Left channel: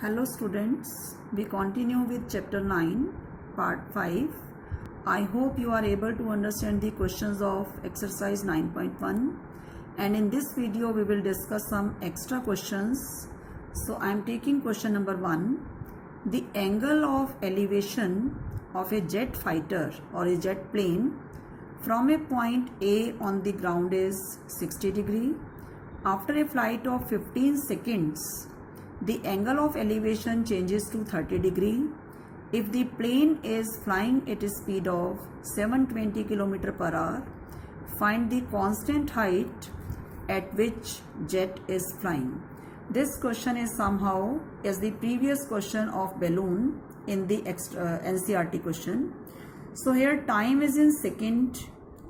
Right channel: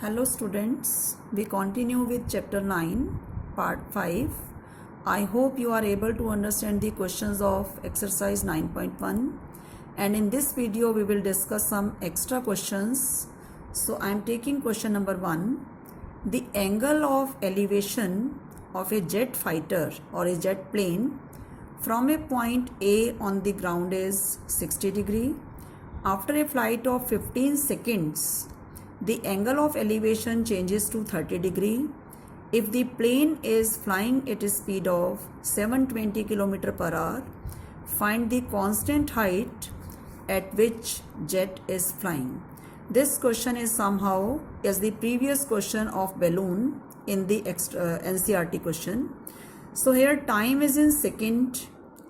Hello students, we continue with chapter 9, part 5. I hope you are able to understand the questions of exercise 9.1, and in this video we will discuss some extra questions. So I am taking question number 1. The angle of elevation of a jet fighter or a jet plane from a point A on the ground is 60 degree. After a flight of 15 seconds, the angle of elevation changes to 30 degree. If the plane is flying at a speed of 720 km per hour, find the constant height at which jet is flying. This question is somehow as the previous question of balloon in the NCERT question. So here time is in second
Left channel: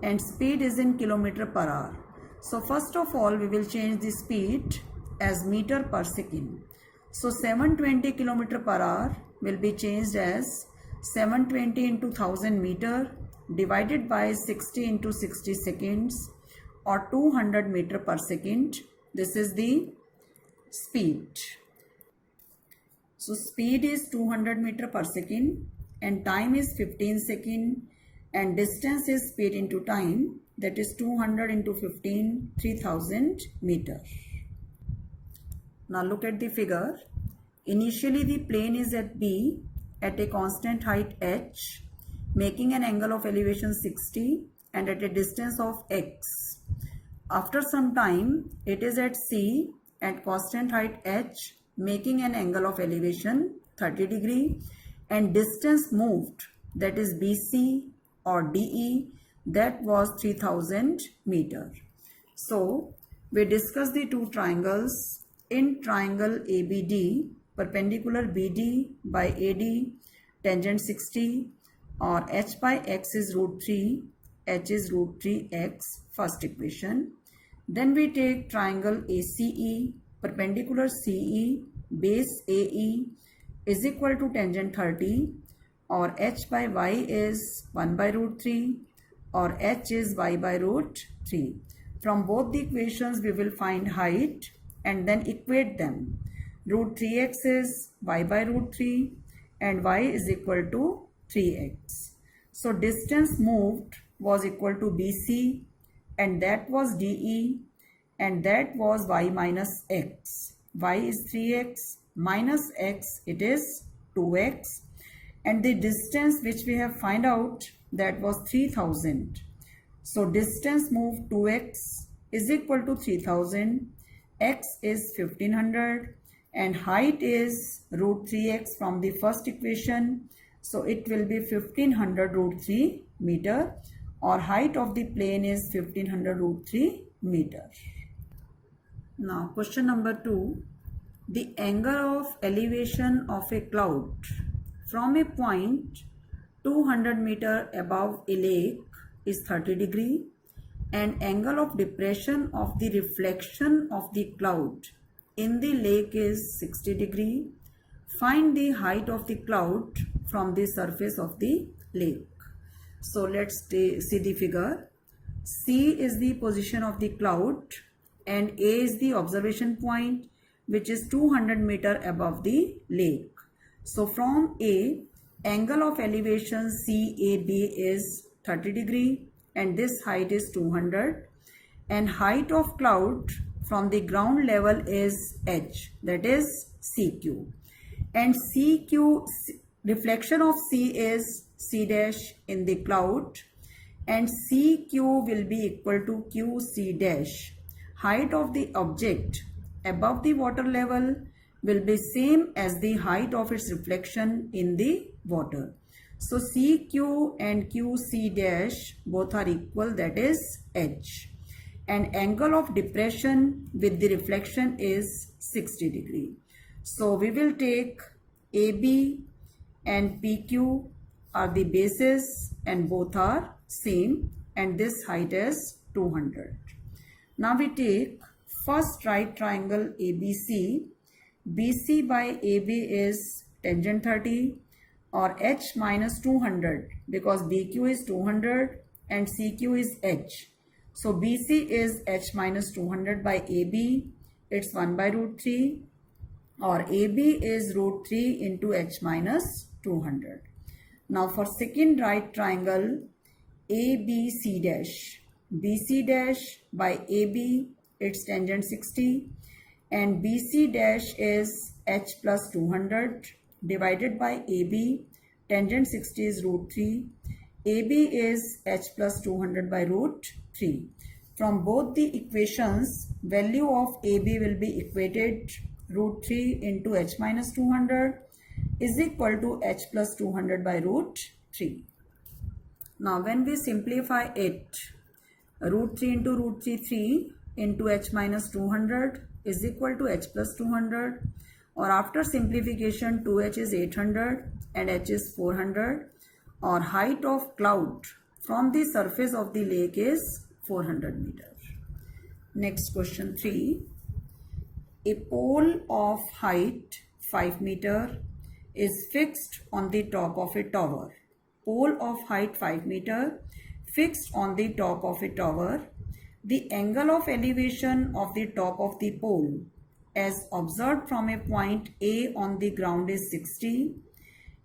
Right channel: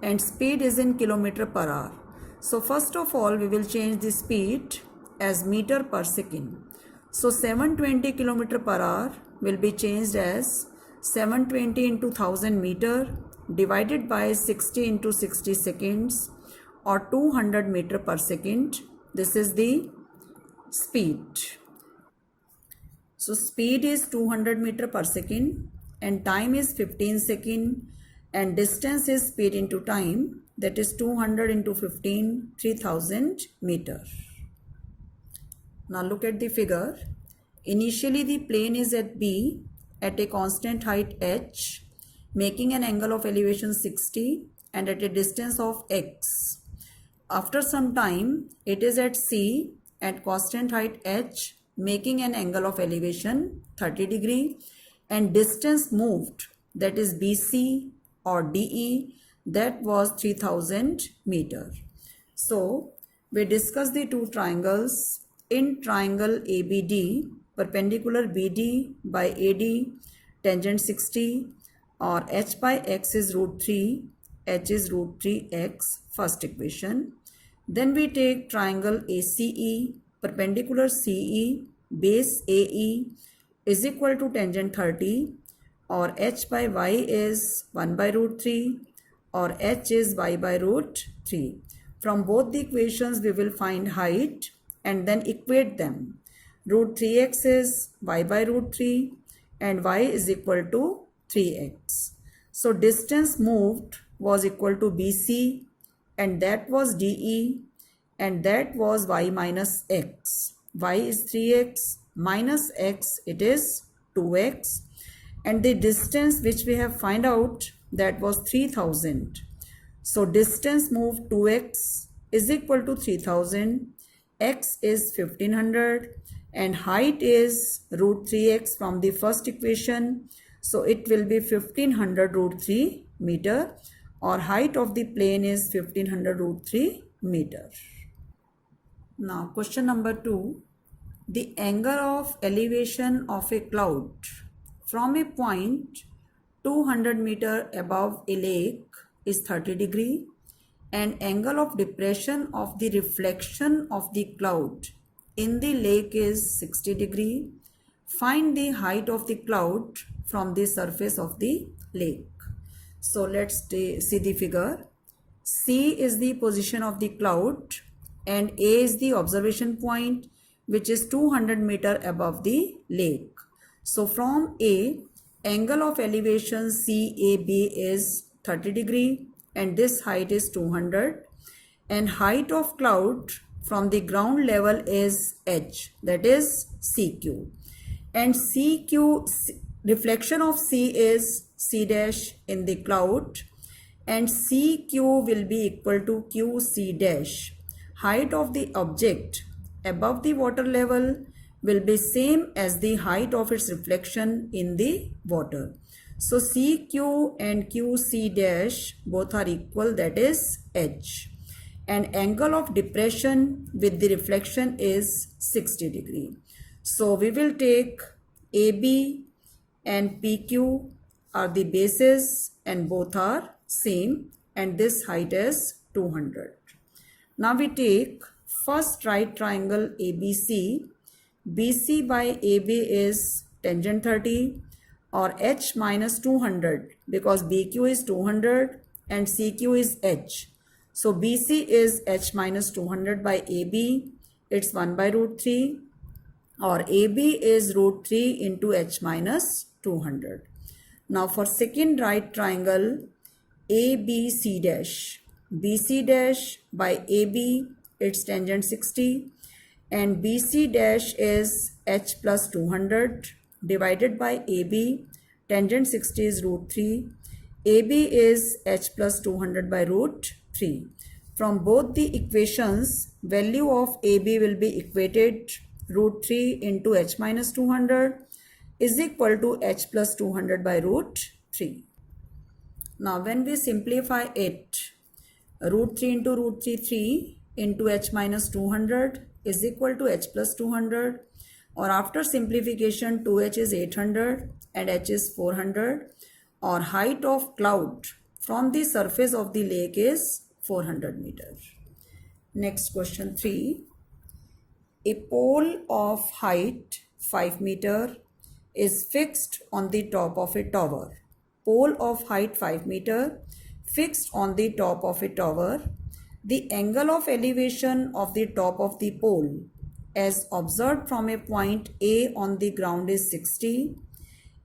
and speed is in kilometer per hour. So first of all we will change the speed as meter per second. So 720 km per hour will be changed as 720 into 1000 meter divided by 60 into 60 seconds or 200 meter per second. This is the speed. So speed is 200 meter per second and time is 15 second and distance is speed into time, that is 200 into 15, 3000 meter. Now look at the figure. Initially the plane is at B at a constant height h, making an angle of elevation 60 and at a distance of x. After some time it is at C at constant height h, making an angle of elevation 30 degree and distance moved, that is BC or DE, that was 3000 meter. So we discuss the two triangles. In triangle ABD, perpendicular BD by AD, tangent 60, or h by x is root 3, h is root 3x, first equation. Then we take triangle ACE, perpendicular CE, base AE is equal to tangent 30, or h by y is 1 by root 3, or h is y by root 3. From both the equations we will find height and then equate them. Root 3x is y by root 3 and y is equal to 3x. So distance moved was equal to BC and that was DE and that was y minus x. Y is 3x minus x, it is 2x, and the distance which we have find out, that was 3000. So distance moved 2x is equal to 3000. X is 1500 and height is root 3x from the first equation. So it will be 1500 root 3 meter, or height of the plane is 1500 root 3 meter. Now question number 2. The angle of elevation of a cloud from a point 200 meter above a lake is 30 degree. And angle of depression of the reflection of the cloud in the lake is 60 degree. Find the height of the cloud from the surface of the lake. So let's see the figure. C is the position of the cloud and A is the observation point, which is 200 meter above the lake. So from A, angle of elevation CAB is 30 degree and this height is 200, and height of cloud from the ground level is h, that is CQ, and CQ, reflection of C is C dash in the cloud, and CQ will be equal to QC dash. Height of the object above the water level will be same as the height of its reflection in the water. So CQ and QC dash both are equal, that is h. And angle of depression with the reflection is 60 degree. So we will take AB and PQ are the bases and both are same, and this height is 200. Now we take first right triangle ABC. BC by AB is tangent 30, or h minus 200, because BQ is 200 and CQ is h. So BC is h minus 200 by AB, it's 1 by root 3, or AB is root 3 into h minus 200. Now for second right triangle ABC dash, BC dash by AB, its tangent 60, and BC dash is h plus 200 divided by AB, tangent 60 is root 3, AB is h plus 200 by root 3. From both the equations, value of AB will be equated root 3 into h minus 200 is equal to h plus 200 by root 3. Now when we simplify it, root 3 into root 3 into h minus 200 is equal to h plus 200, or after simplification 2h is 800 and h is 400, or height of cloud from the surface of the lake is 400 meters. Next question 3. A pole of height 5 meter is fixed on the top of a tower. Pole of height 5 meter fixed on the top of a tower. The angle of elevation of the top of the pole as observed from a point A on the ground is 60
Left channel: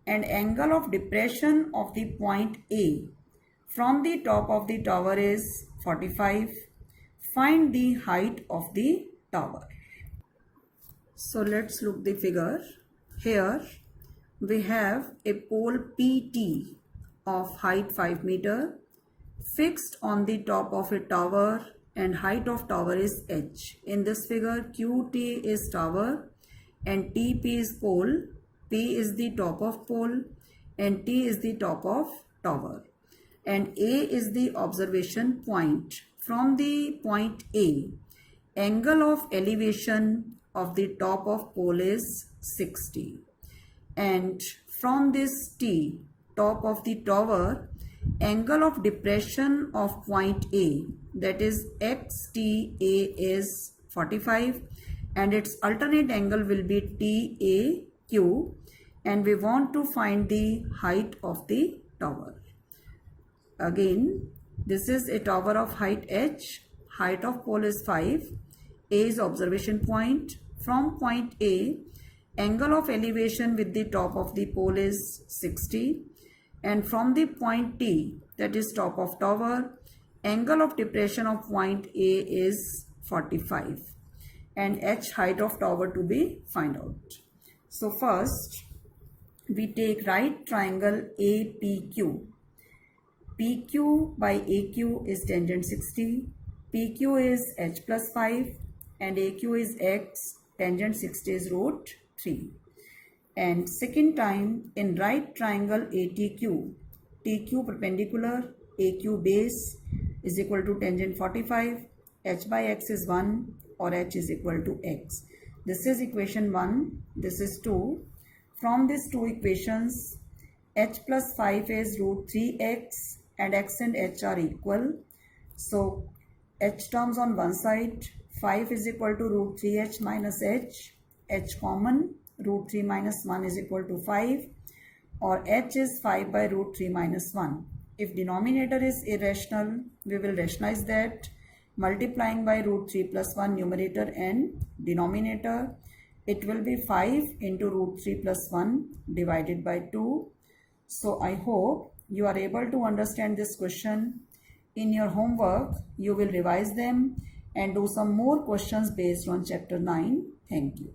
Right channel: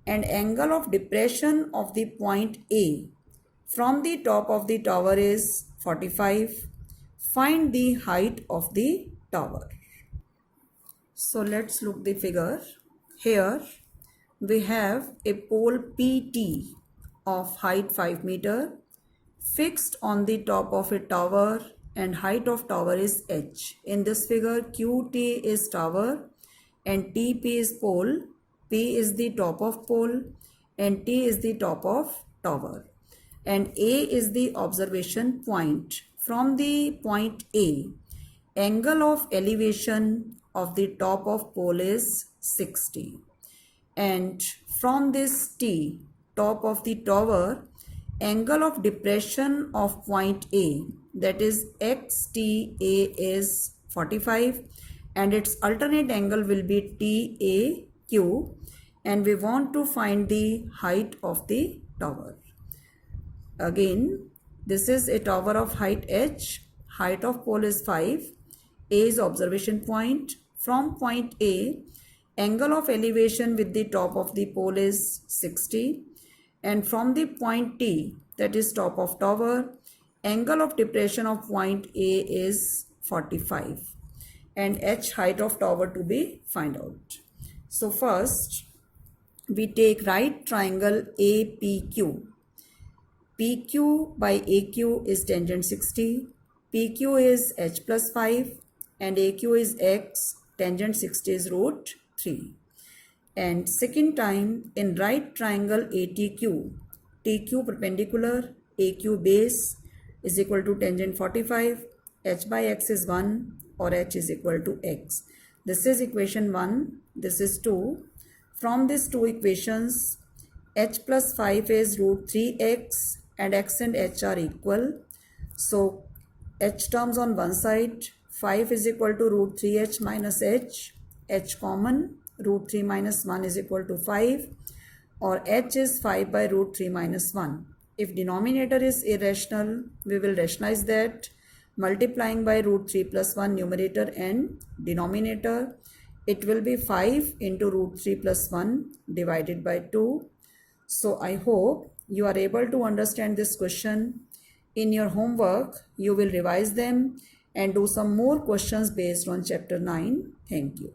and angle of depression of the point A from the top of the tower is 45. Find the height of the tower. So let's look the figure. Here we have a pole PT of height 5 meter fixed on the top of a tower and height of tower is h. In this figure QT is tower and TP is pole. P is the top of pole and T is the top of tower, and A is the observation point. From the point A, angle of elevation of the top of pole is 60, and from this T, top of the tower, angle of depression of point A, that is XTA, is 45 and its alternate angle will be TAQ, and we want to find the height of the tower. Again, this is a tower of height h, height of pole is 5, A is observation point. From point A, angle of elevation with the top of the pole is 60, and from the point T, that is top of tower, angle of depression of point A is 45, and h height of tower to be find out. So first we take right triangle APQ. PQ by AQ is tangent 60, PQ is h plus 5 and AQ is x, tangent 60 is root 3. And second time in right triangle ATQ, TQ perpendicular, AQ base is equal to tangent 45, h by x is 1 or h is equal to x. This is equation 1, this is 2. From these two equations, h plus 5 is root 3x and x and h are equal. So h terms on one side, 5 is equal to root 3h minus h common, root 3 minus 1 is equal to 5, or h is 5 by root 3 minus 1. If denominator is irrational, we will rationalize that multiplying by root 3 plus 1 numerator and denominator. It will be 5 into root 3 plus 1 divided by 2. So I hope you are able to understand this question. In your homework, you will revise them and do some more questions based on chapter 9. Thank you.